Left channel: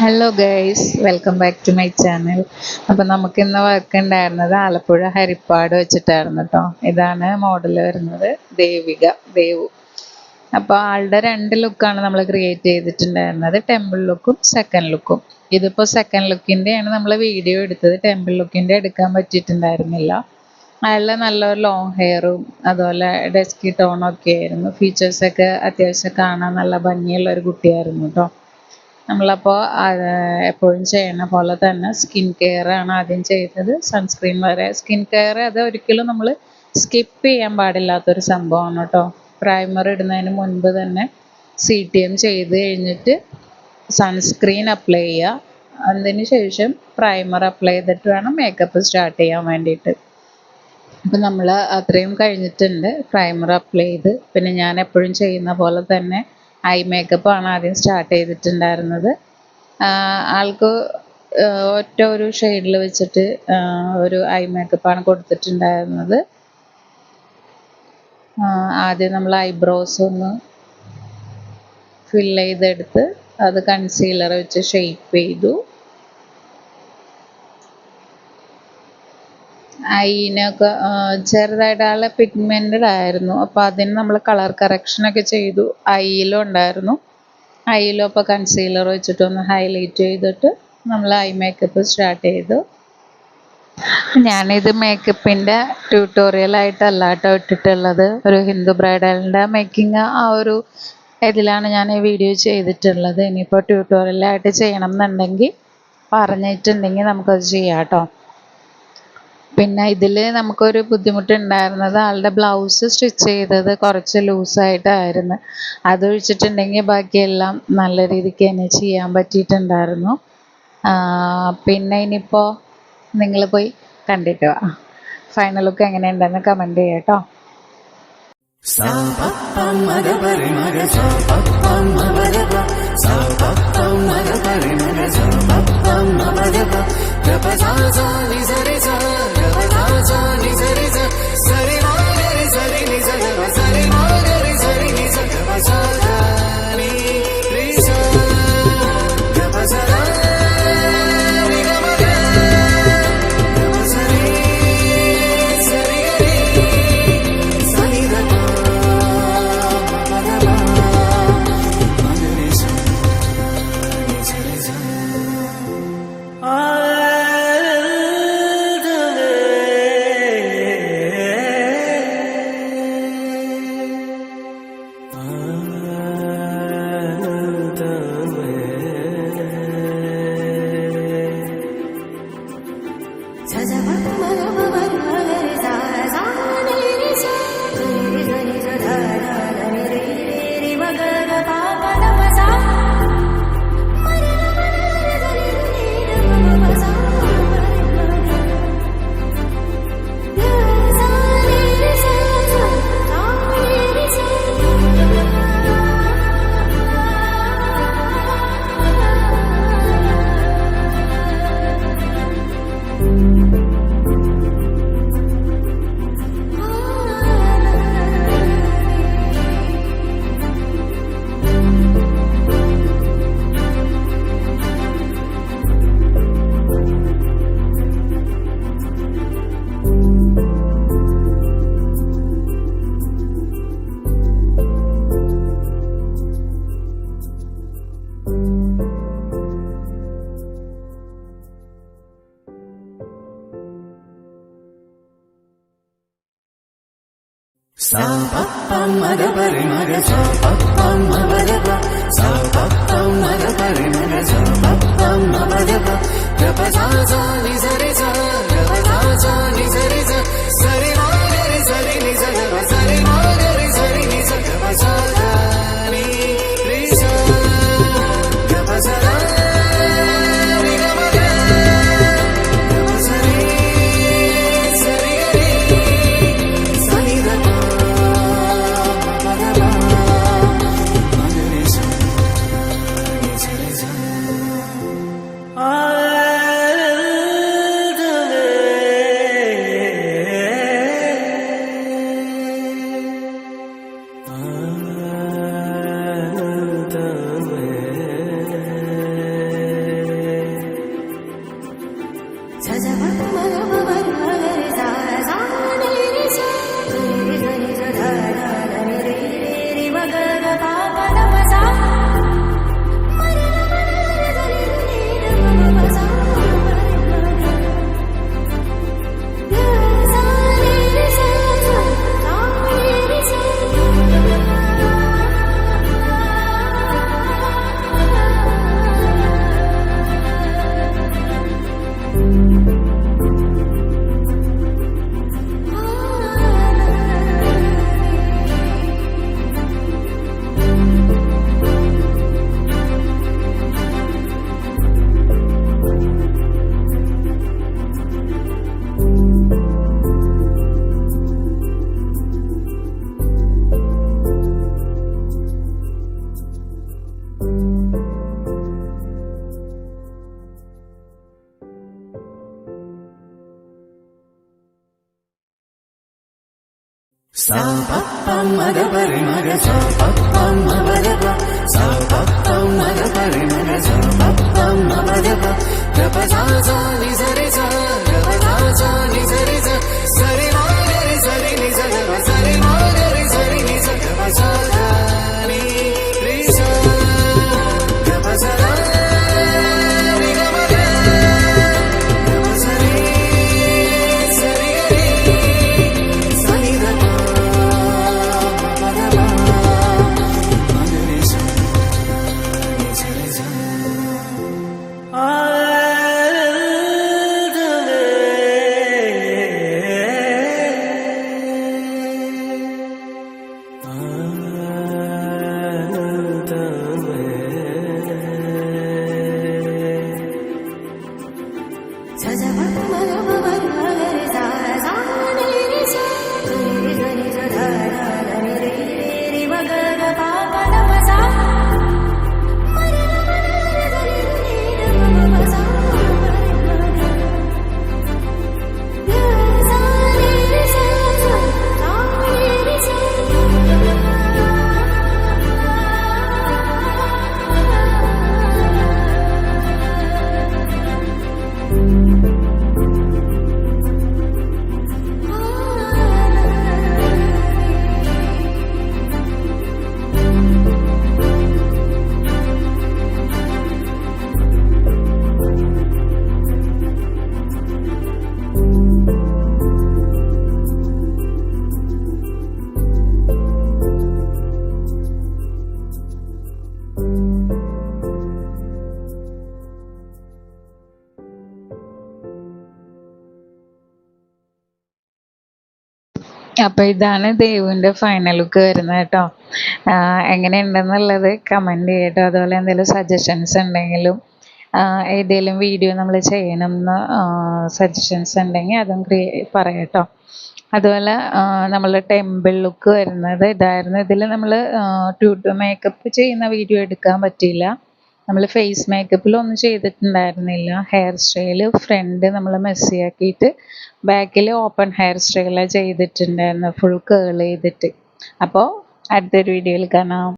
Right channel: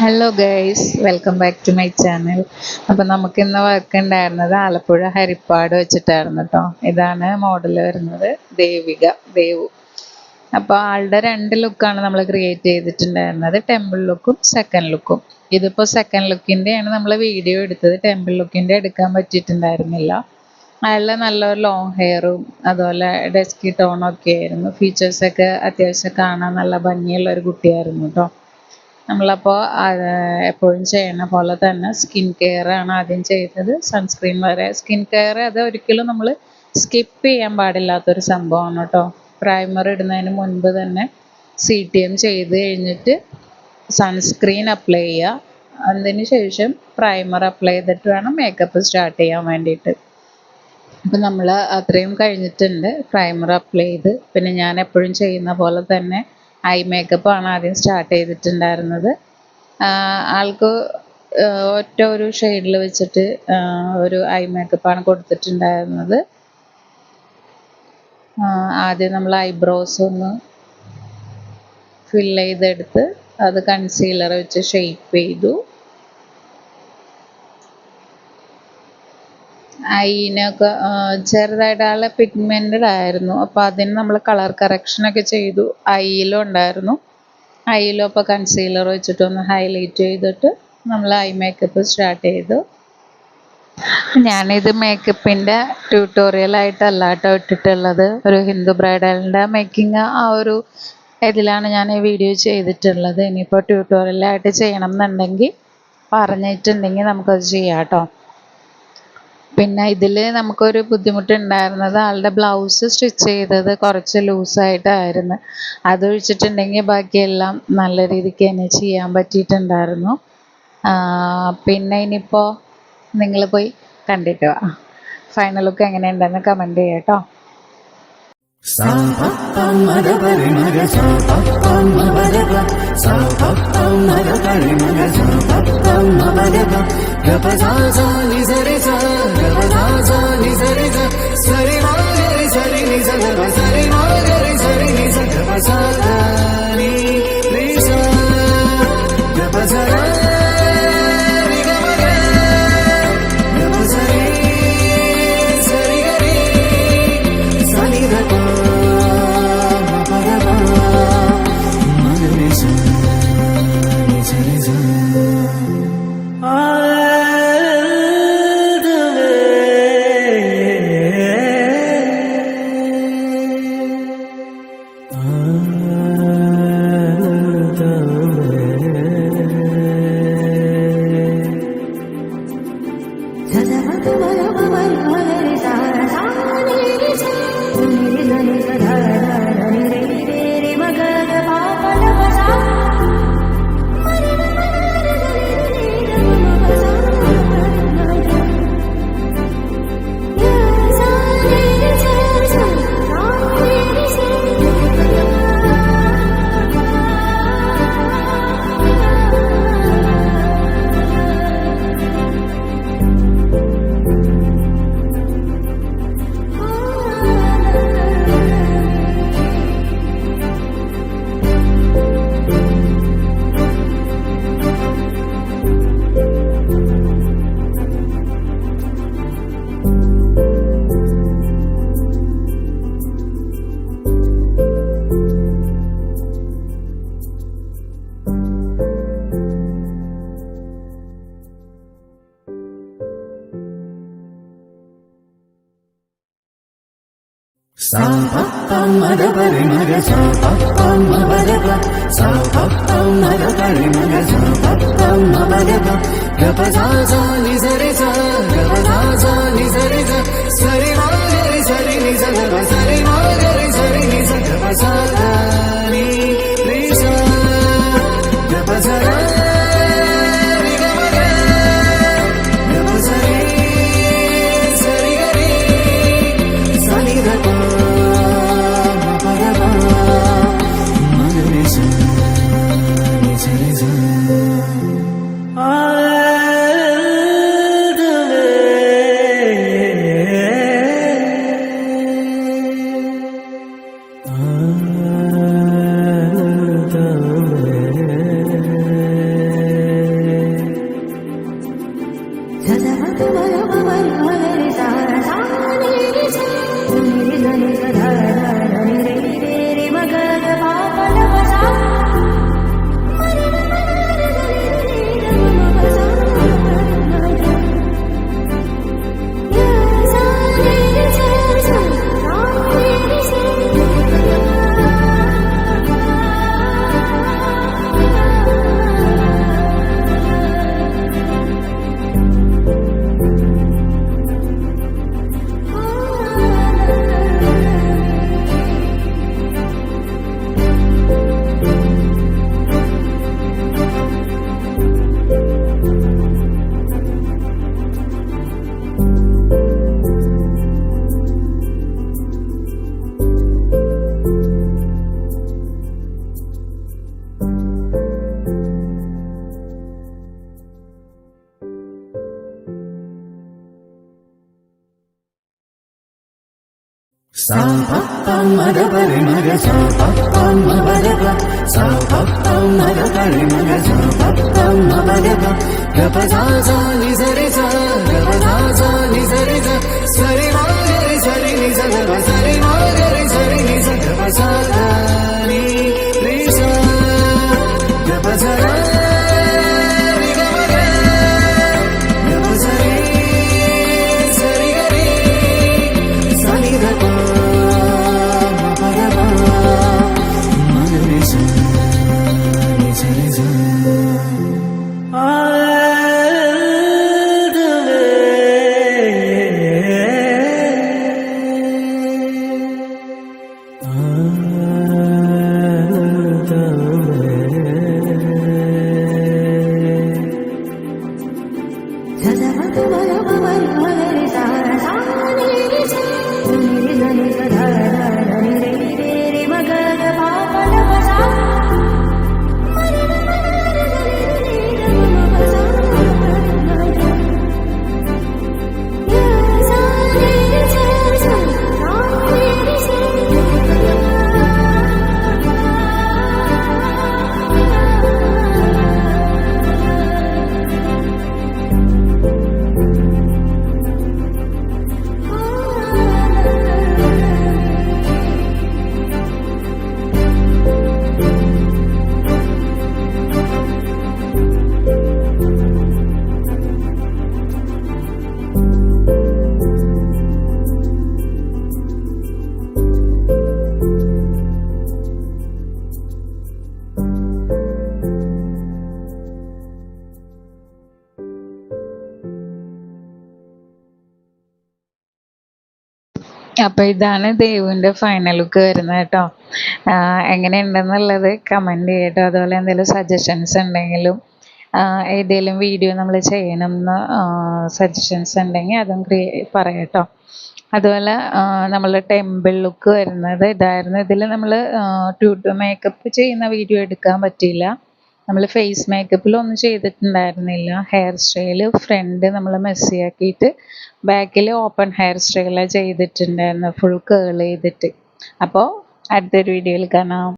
Hello guys, welcome back to my channel. അപ്പം നമുക്കിന്ന് work ഉണ്ടായിരുന്നത് ആലപ്പുഴ ഹരിപ്പാട് വെച്ചിട്ടായിരുന്നു കേട്ടോ. ഇതാണ് മോഡൽ വരുന്നത്, ദേവു. അപ്പോൾ ആളുടെ രണ്ട് ലുക്കാണ് നമ്മൾ ക്രിയേറ്റ് ചെയ്തിട്ടുണ്ടായിരുന്നത്, ടെമ്പിൾ ലുക്കും സെക്കൻഡ് ലുക്കും. ഇതിപ്പോൾ സെക്കൻഡ് ലുക്കിൻ്റെയാണ് നമ്മൾ വീഡിയോ എടുത്തത്, ടെമ്പിൾ ലുക്കിൻ്റെ എടുക്കാൻ പറ്റിയിട്ടുണ്ടായിരുന്നില്ല. അയാളുടെ നല്ലൊരു ലോങ് ഹെയറും അതുപോലെ ഡെസ്കി ടോണൊക്കെ ആയിരുന്നു. ഫീച്ചേഴ്സൊക്കെ അത്യാവശ്യം കാണാൻ നല്ല ഭംഗിയുള്ള ഒരു കുട്ടിയായിരുന്നു കേട്ടോ. നമ്മളപ്പോൾ എപ്പോഴും ചെയ്യണ പോലെ തന്നെ സ്കിൻ കെയർ ആണ് ആദ്യം ചെയ്തത്. സൺസ്ക്രീൻ വരെ സ്കിൻ കെയർ അത് ഒരിക്കലും നമ്മൾ സ്കിപ്പ് ചെയ്യാൻ പാടില്ലാത്തൊരു സംഭവമാണ് കേട്ടോ. പ്രൈമർ ഇടുന്നതിന് മുൻപ് തന്നെ CTM ചെയ്ത് കഴിഞ്ഞിട്ട് സൺസ്ക്രീൻ അപ്ലൈ ചെയ്യുക. അതിന് ശേഷം പ്രൈമർ അപ്ലൈ ചെയ്തിട്ട് വേണം മേക്കപ്പ് സ്റ്റാർട്ട് ചെയ്യാൻ വേണ്ടിയിട്ട്. അപ്പം നമ്മൾ അത്രയും കഴിഞ്ഞിട്ടുണ്ട്. പ്രൈമർ അപ്ലൈ ചെയ്ത് പിന്നെ ഞാൻ എപ്പോഴും ചെയ്യുന്ന പോലെ തന്നെ ഐ മേക്കപ്പ് ആണ് ആദ്യം സ്റ്റാർട്ട് ചെയ്തിട്ടുണ്ടായിരുന്നത്. ആൾക്ക് ഒറ്റ ഒരു ഷെയ്ഡിൽ വെച്ചിട്ട് ഒരു ഐ മേക്കപ്പാണ് കൊടുത്തിട്ടുണ്ടായിരുന്നത്. ആദ്യം നമ്മൾ ഐബ്രോസ് ഒന്ന് ഫിൽ ചെയ്തെടുത്ത് അത് കൺസീലർ വെച്ച് ഷെയ്പ്പ് ചെയ്തു. ഐനൊക്കെ ചെറുതായിട്ട് ആളെ പിഗ്മെൻറ്റഡ് ആയിരുന്നു. അപ്പോൾ അതിന് നമ്മൾ കളർ കറക്ഷനൊക്കെ ചെയ്തു. ഐയിലും ഉണ്ടായിരുന്നു. ഐയിലും അപ്പോൾ കൺസീലർ വെച്ചിട്ടൊന്ന് ഹൈലൈറ്റ് ചെയ്തിട്ട് നമ്മൾ ഐ മേക്കപ്പ് സ്റ്റാർട്ട് ചെയ്തു. ഞാനിത് മേക്കപ്പിൻ്റെ ട്യൂട്ടോറിയലായിട്ടല്ല കേട്ടോ ഇട്ടിട്ടുള്ളത്. ഒരു ഹിന്ദു ബ്രൈഡലിൻ്റെ മേക്കിംഗ് ആ ഒരു ഇതിലാണ് ഞാൻ ഈ വീഡിയോ ചെയ്തിട്ടുള്ളത്. ഇനിയിപ്പോൾ ട്യൂട്ടോറിയലായിട്ട് ചെയ്യണം എന്നുണ്ടെങ്കിൽ പറഞ്ഞിട്ടുണ്ടെങ്കിൽ നമുക്കത് ചെയ്യാം കേട്ടോ. പിന്നെ ഇതിൽ നമുക്കൊരു ബുദ്ധിമുട്ടുണ്ടായിരുന്നത് ആളുടെ ബ്ലൗസ് സ്റ്റിച്ച് ചെയ്തത് കുറച്ച് ലൂസായിട്ടായിരുന്നു. അതൊഴിച്ചിട്ടുണ്ടെങ്കിൽ ബാക്കിയെല്ലാം നല്ല രീതിക്ക് തന്നെ ചെയ്യാൻ പറ്റിയിട്ടുണ്ടായിരുന്നു. പിന്നെ ഇനിയിപ്പോൾ നിങ്ങൾ പോയി കണ്ടിട്ട് വാ. ഫൈനൽ ലുക്ക് എങ്ങനെയുണ്ടെന്ന് കമൻറ്റ് ചെയ്യാം കേട്ടോ. അപ്പൊ ഇതാണ് ദേവുവിന്റെ ഫൈനൽ ലുക്ക് വരുന്നത് കേട്ടോ. എങ്ങനെയുണ്ടെന്നുള്ളത് കമന്റ് ചെയ്യട്ടോ. അതുപോലെ എന്തെങ്കിലും സജഷൻസ് ഉണ്ടെങ്കിലും ഏതെങ്കിലും വീഡിയോ നമ്മൾ ചെയ്യണമെന്ന് സജഷൻസ് ഉണ്ടെങ്കിൽ അതും പറയട്ടോ. അതുപോലെ നമ്മൾ ടെമ്പിൾ ലുക്ക് വരുന്നത് ഇതായിരുന്നു. ഇതിൽ നമ്മൾ മേക്കപ്പ് ചെയ്യുന്ന വീഡിയോ എടുക്കാൻ പറ്റിയില്ല. നമ്മൾ ഫേസ് മേക്കപ്പിലൊന്നും ചെയ്തിട്ടുണ്ടായിരുന്നില്ല. ഹെയർ സ്റ്റൈല് ഫ്രണ്ട് നമ്മൾ മെസ്സിയാക്കിയിട്ട് ബാക്കിൽ ഓപ്പൺ ഹെയർ സ്റ്റൈലാണ് ചെയ്തിട്ടുണ്ടായിരുന്നു, ഫുൾ കേൾ ചെയ്തിട്ട്. അപ്പോൾ അടുത്തൊരു വീഡിയോയിൽ കാണാം.